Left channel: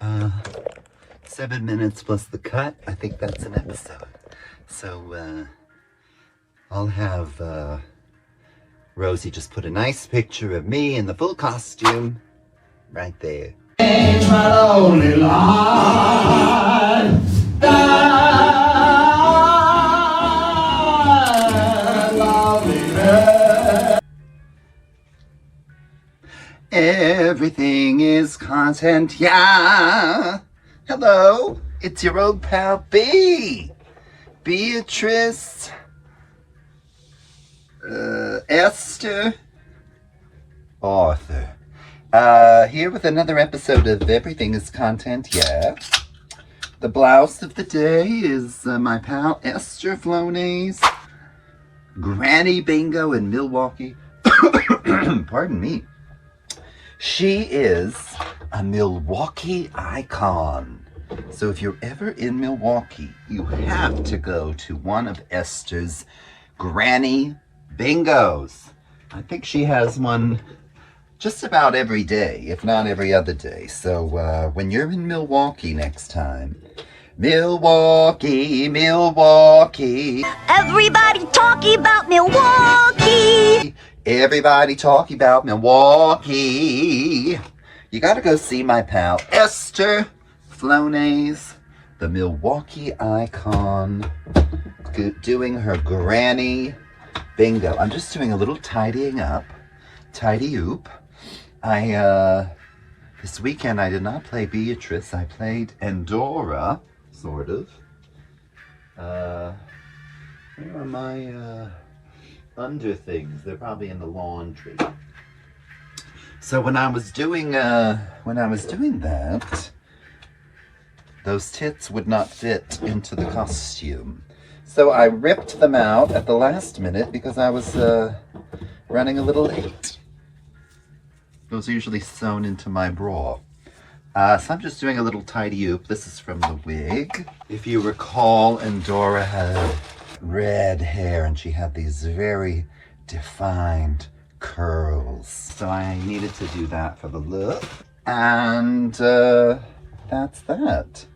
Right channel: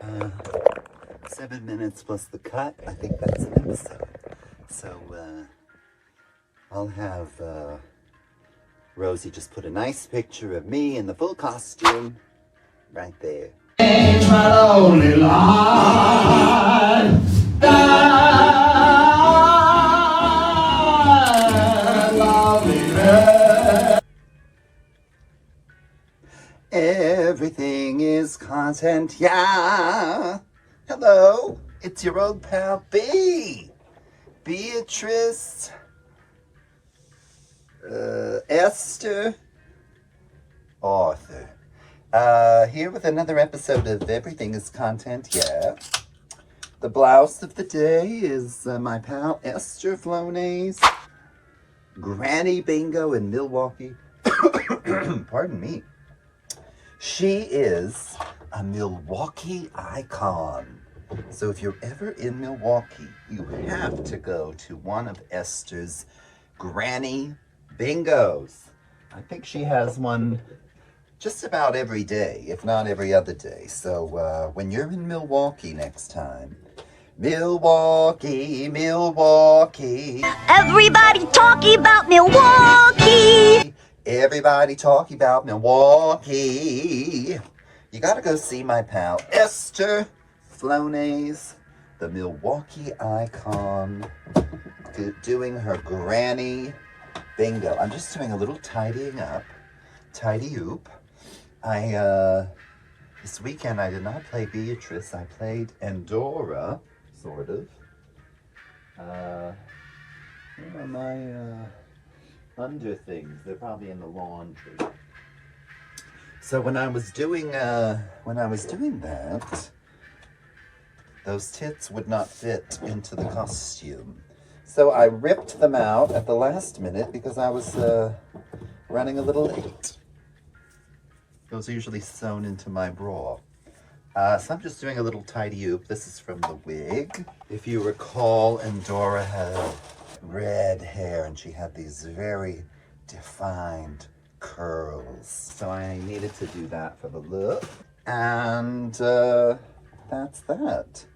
Uh, 7 minutes plus the cut. I think that's an episode. So I'll have Rosie just put a nice picture of me in the full costume right there. It's my lonely life. Everything is content, yeah. Hello, it's your old pal B. Beatrice, Esther, Arthur. Here with another episode of Everything is Content, yeah. The blouse of the day is my pal Esther Floney's Granny Bingo in Milwaukee. Pardon me. She is a Milwaukee icon. So if you're ever in Milwaukee, you have to go to one of Esther's Granny Bingos. I think she has one just about every day, if not every other day. So when you're in Milwaukee next time, Milwaukee, Milwaukee. Everybody talking about Milwaukee. Everybody talking about Milwaukee. You gotta go see my pal Esther Floney's, the Milwaukee icon, doing her Granny Bingo. I'm just doing a little tidying up, tidy-oop. This weekend I did not play Beatrice. I played Endora, sort of. Where are my under things? They're probably in the laundry. So when I was doing that, those tits would not fit into the costume. So I ripped them out at the last minute because I was running a little late. Those are usually sewn into my bra. So I'm just doing a little tidy-oop. This is from the wig. If you recall, Endora had red hair and she had these very defined curls. So I needed to do that for the look. And that's that.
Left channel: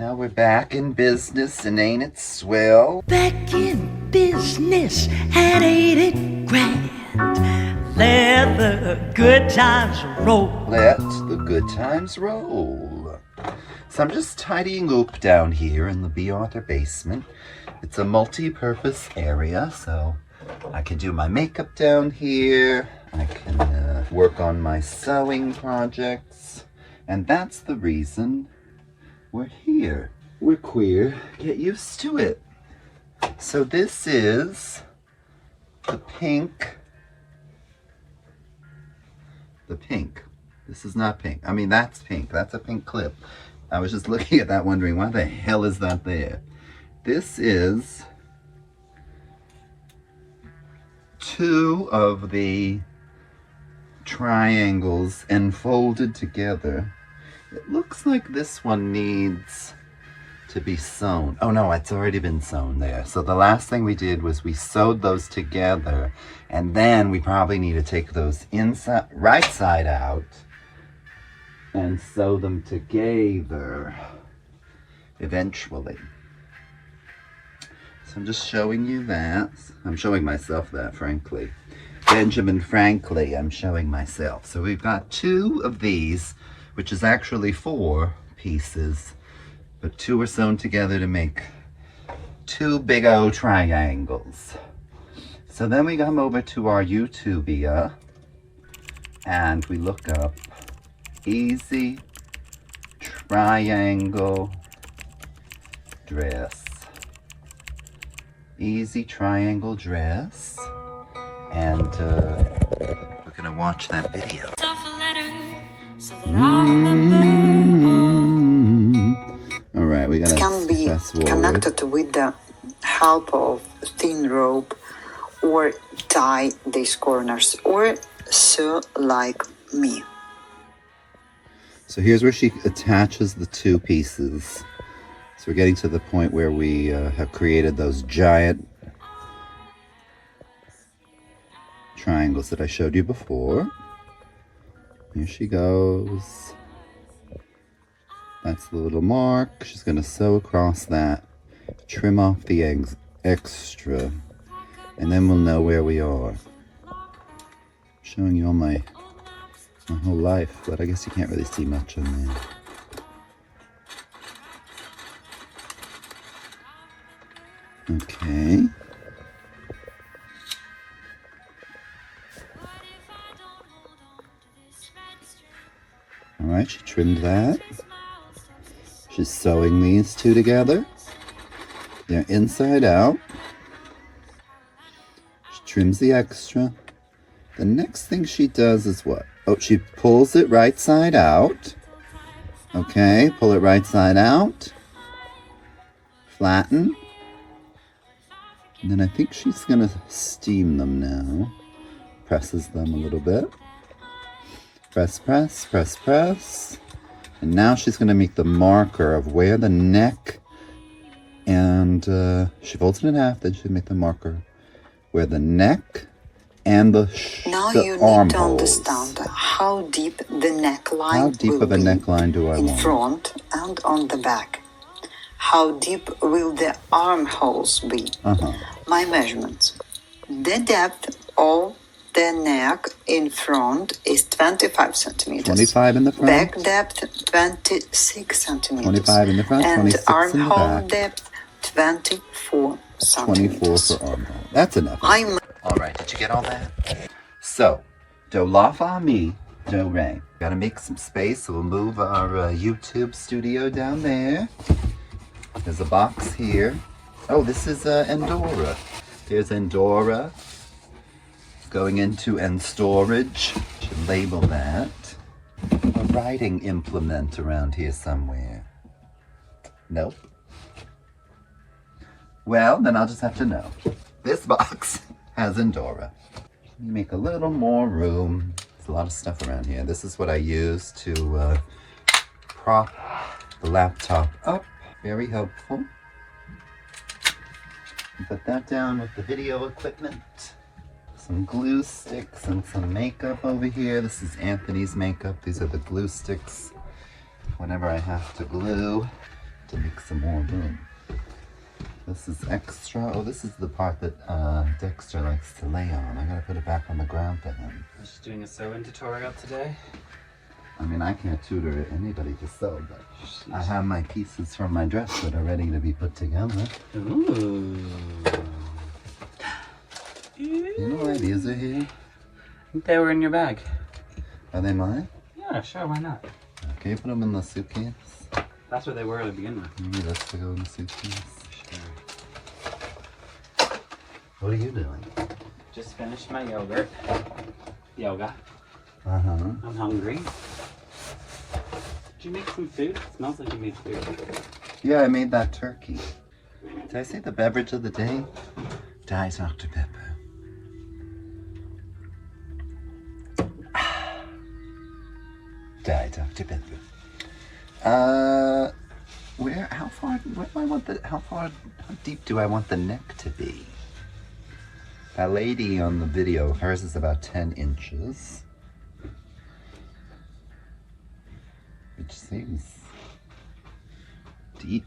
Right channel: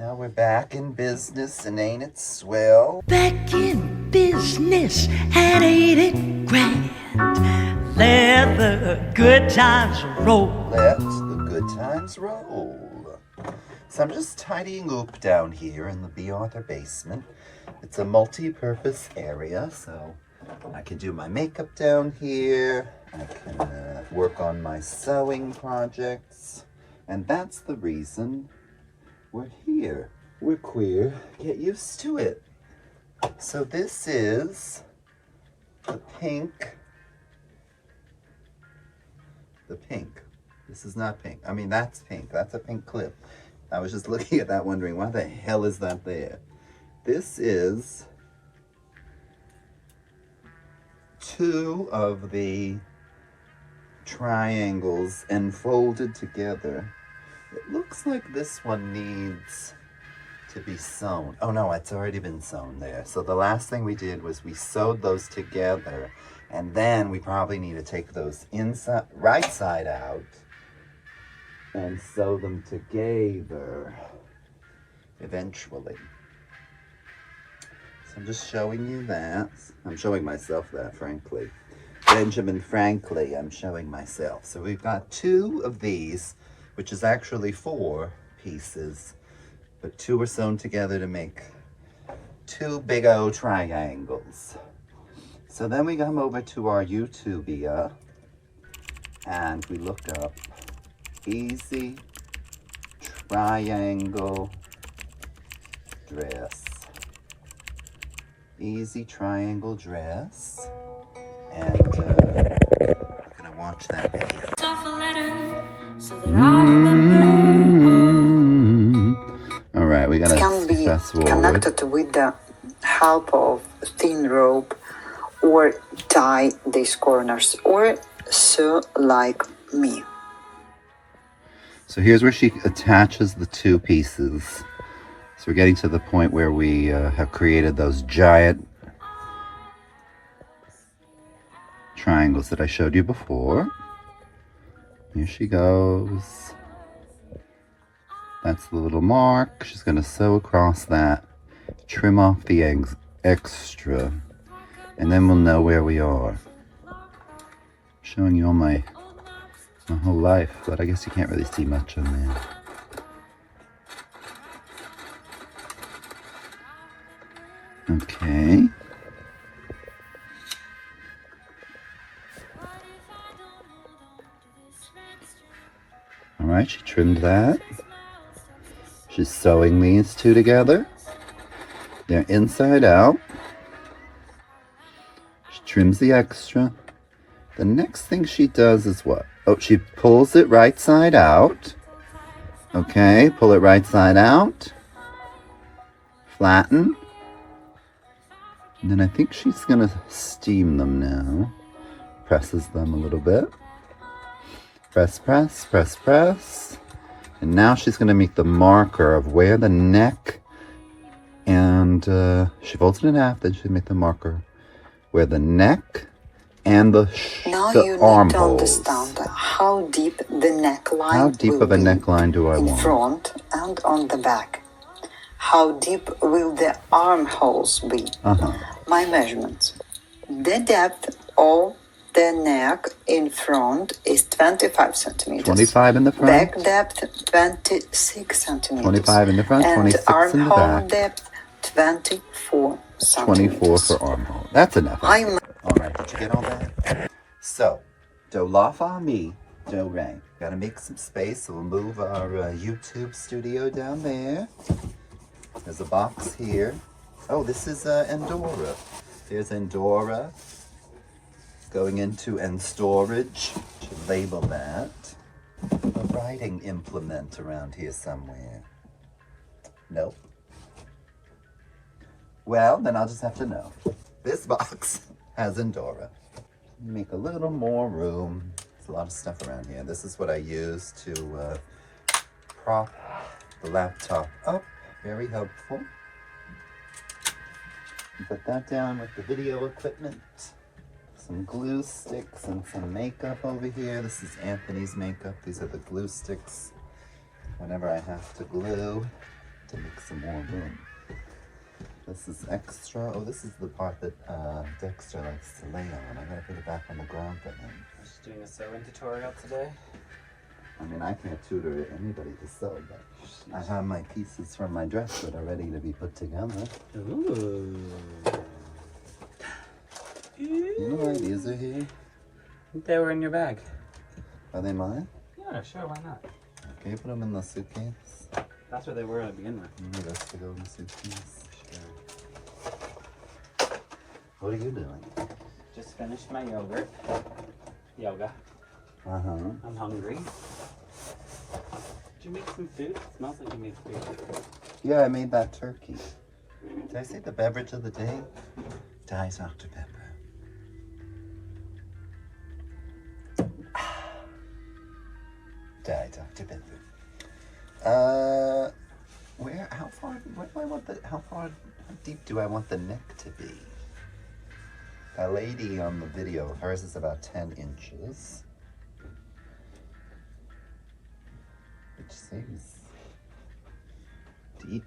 Now we're back in business and ain't it swell? Back in business and ain't it grand? Let the good times roll. Let the good times roll. So I'm just tidying up down here in the B. Arthur basement. It's a multi-purpose area, so I can do my makeup down here. I can work on my sewing projects. And that's the reason we're here. We're queer. Get used to it. So this is the pink. The pink. This is not pink. I mean, that's pink. That's a pink clip. I was just looking at that wondering, why the hell is that there? This is two of the triangles enfolded together. It looks like this one needs to be sewn. Oh no, it's already been sewn there. So the last thing we did was we sewed those together, and then we probably need to take those inside, right side out, and sew them together eventually. So I'm just showing you that. I'm showing myself that, frankly. Benjamin Frankly, I'm showing myself. So we've got two of these, which is actually 4 pieces, but 2 are sewn together to make 2 big old triangles. So then we come over to our YouTubia and we look up easy triangle dress. Easy triangle dress. And we're gonna watch that video. All right, we gotta can be connected with the help of thin rope, or tie these corners, or sew like me. So here's where she attaches the 2 pieces. So we're getting to the point where we have created those giant triangles that I showed you before. Here she goes. That's the little mark. She's going to sew across that. Trim off the extra. And then we'll know where we are. Showing you all my whole life, but I guess you can't really see much in there. Okay. Alright, she trimmed that. She's sewing these two together. They're inside out. She trims the extra. The next thing she does is what? Oh, she pulls it right side out. Okay, pull it right side out. Flatten. And then I think she's gonna steam them now. Presses them a little bit. Press, press, press, press. And now she's gonna make the marker of where the neck and she folds it in half, then she'll make the marker where the neck and now the you need arm to holes. understand how deep the neckline How deep will of a be neckline do I in want? front and on the back. How deep will the armholes be? My measurements. The depth of the neck in front is 25 centimeters. 25 in the front. Back depth 26 centimeters. 25 in the front, and 26 in the armhole back. depth 24 centimeters. 24 for armhole. That's enough. Alright, did you get all that? So, do la fa mi, do re. Gotta make some space, so we'll move our YouTube studio down there. There's a box here. Oh, this is Endora. There's Endora going into end storage. Should label that. A writing implement around here somewhere. Nope. Well, then I'll just have to know. This box has Endora. Make a little more room. There's a lot of stuff around here. This is what I use to prop the laptop up. Very helpful. Put that down with the video equipment. Some glue sticks and some makeup over here. This is Anthony's makeup. These are the glue sticks. Whenever I have to glue to make some more room. This is extra. Oh, this is the part that Dexter likes to lay on. I gotta put it back on the ground for him. Just doing a sewing tutorial today. I mean, I can't tutor anybody to sew, but I have my pieces from my dress that are ready to be put together. Ooh. You know why these are here? They were in your bag. Are they mine? Yeah, sure, why not? Okay, put them in the suitcase. That's what they were to begin with. Maybe that's to go in the suitcase. What are you doing? Just finished my yogurt. Yoga. Uh-huh. I'm hungry. Did you make some food? It smells like you made food. Yeah, I made that turkey. Did I say the beverage of the day? Diet Dr. Pepper. Diet Dr. Pepper. How deep do I want the neck to be? That lady on the video, hers is about 10 inches. Which seems deep.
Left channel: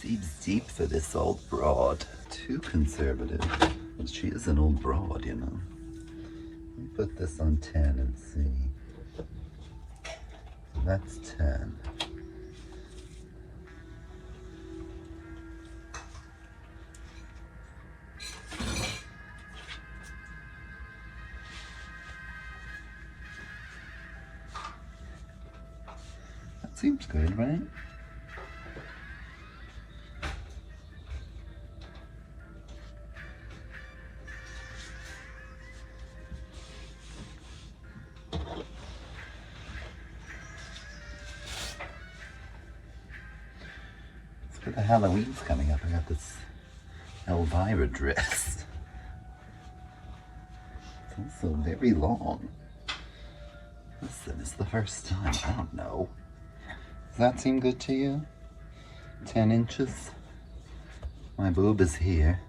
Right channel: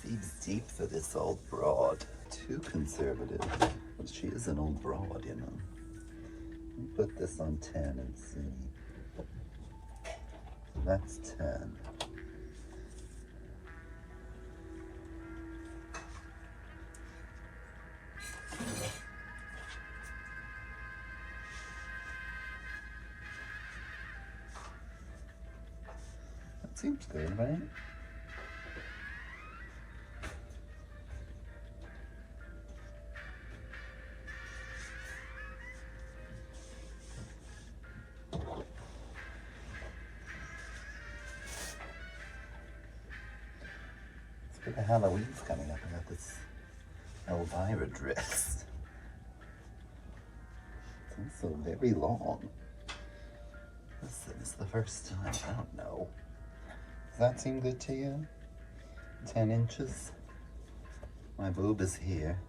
Seems deep for this old broad. Too conservative. Well, she is an old broad, you know. Let me put this on 10 and see. That's 10. That seems good, right? The Halloween's coming up. I got this Elvira dress. It's also very long. Listen, it's the first time. I don't know. Does that seem good to you? 10 inches? My boob is here.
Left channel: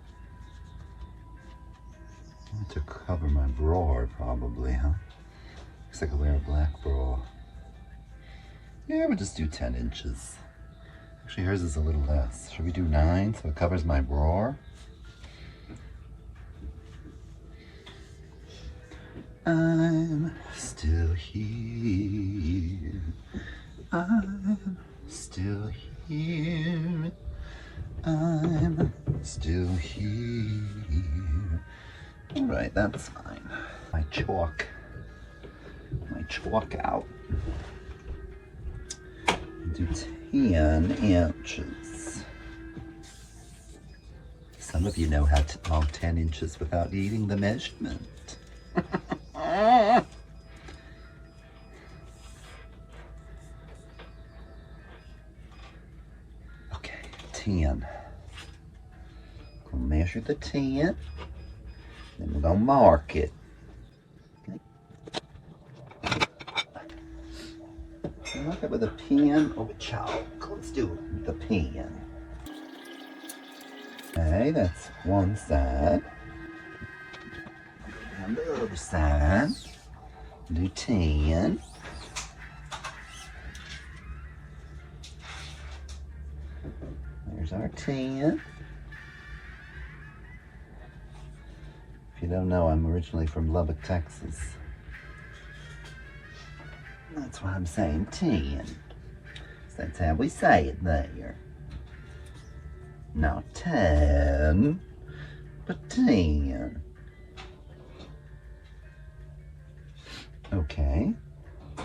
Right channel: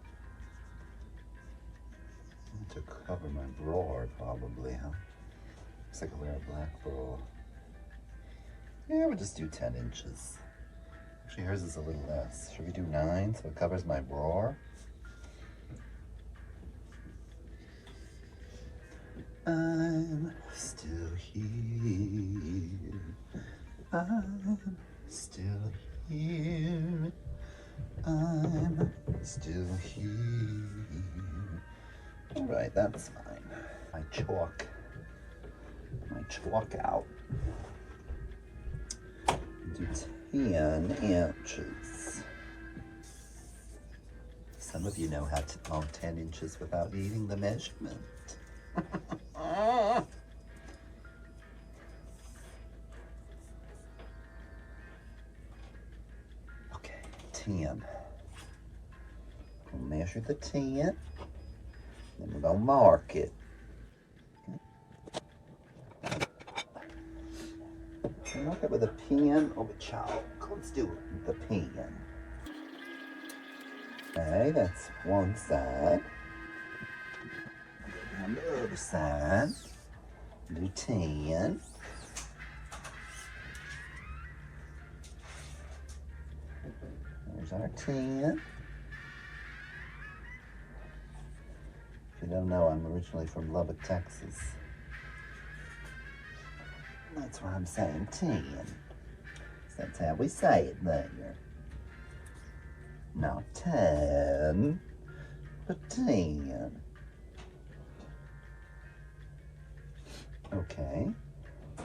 I need to cover my bra, probably, huh? Looks like I wear a black bra. I would just do 10 inches. Actually, hers is a little less. Should we do 9 so it covers my roar? I'm still here. I'm still here. I'm still here. Alright, that's fine. My chalk out. Do 10 inches. Some of you know how to long 10 inches without needing the measurement. Okay, 10. We'll measure the 10, then we're gonna mark it. Mark it with a pen or with chalk. Let's do it with the pen. Okay, that's one side. And the other side. Do 10. There's our 10. If you don't know, I'm originally from Lubbock, Texas. That's why I'm saying 10. That's how we say it there. Not 10, but 10. Okay. I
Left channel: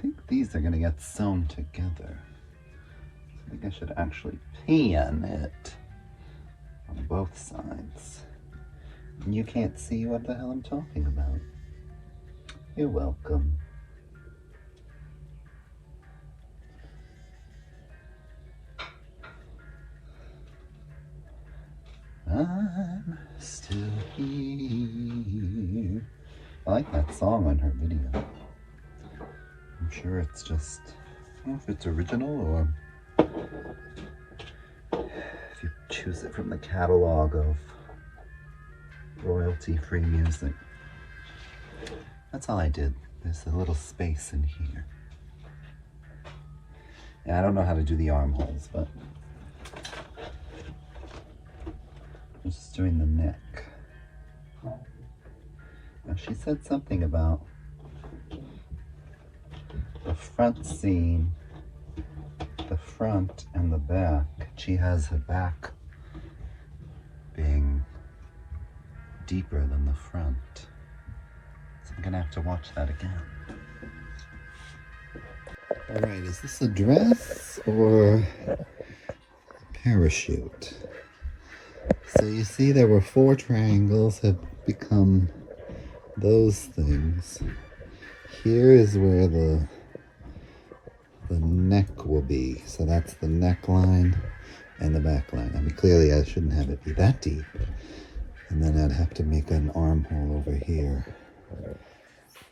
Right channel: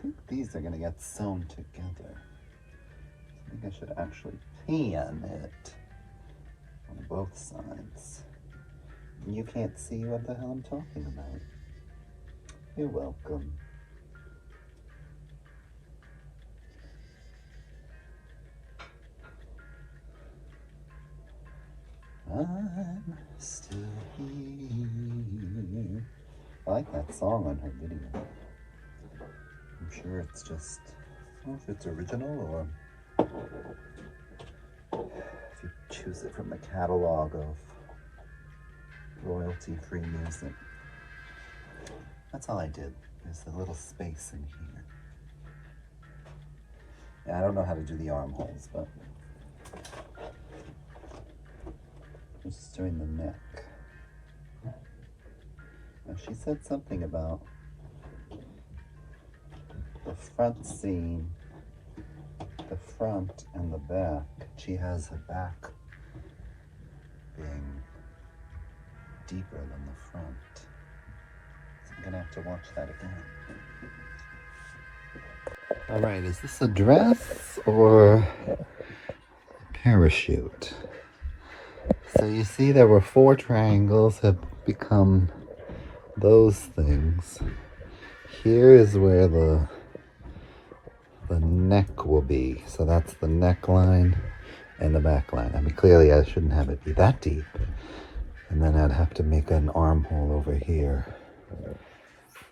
think these are going to get sewn together. I think I should actually pin it on both sides. And you can't see what the hell I'm talking about. You're welcome. I'm still here. I like that song on her video. I'm sure it's just, I don't know if it's original or if you choose it from the catalog of royalty-free music. That's all I did. There's a little space in here. Yeah, I don't know how to do the armholes, but just doing the neck. Now she said something about the front seam, the front and the back. She has her back being deeper than the front. So I'm gonna have to watch that again. All right, is this a dress or a parachute? So you see there were 4 triangles have become those things. Here is where the neck will be. So that's the neckline and the back line. I mean, clearly I shouldn't have it be that deep. And then I'd have to make an armhole over here,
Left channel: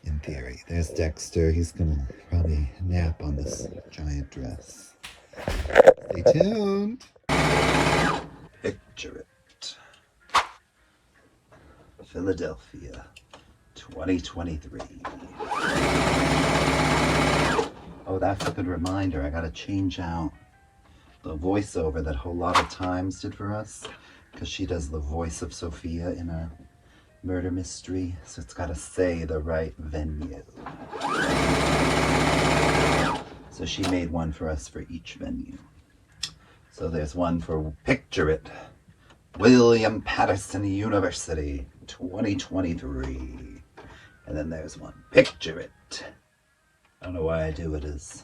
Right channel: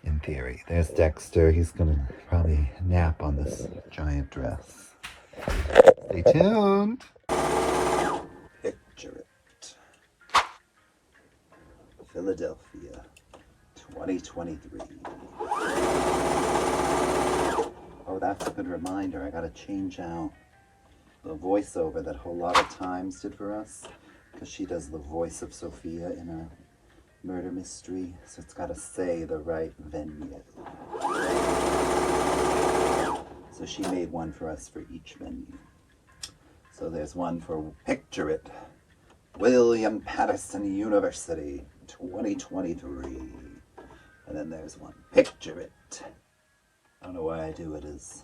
in theory. There's Dexter. He's gonna probably nap on this giant dress. Stay tuned. Picture it. Philadelphia, 2023. Oh, that's a good reminder. I gotta change out the voiceover that Whole Lot of Times did for us, because she does the voice of Sophia in a murder mystery, so it's gotta say the right venue. So she made one for us for each venue. So there's one for Picture It, William Patterson University, 2023. And then there's one, Picture It. I don't know why I do it as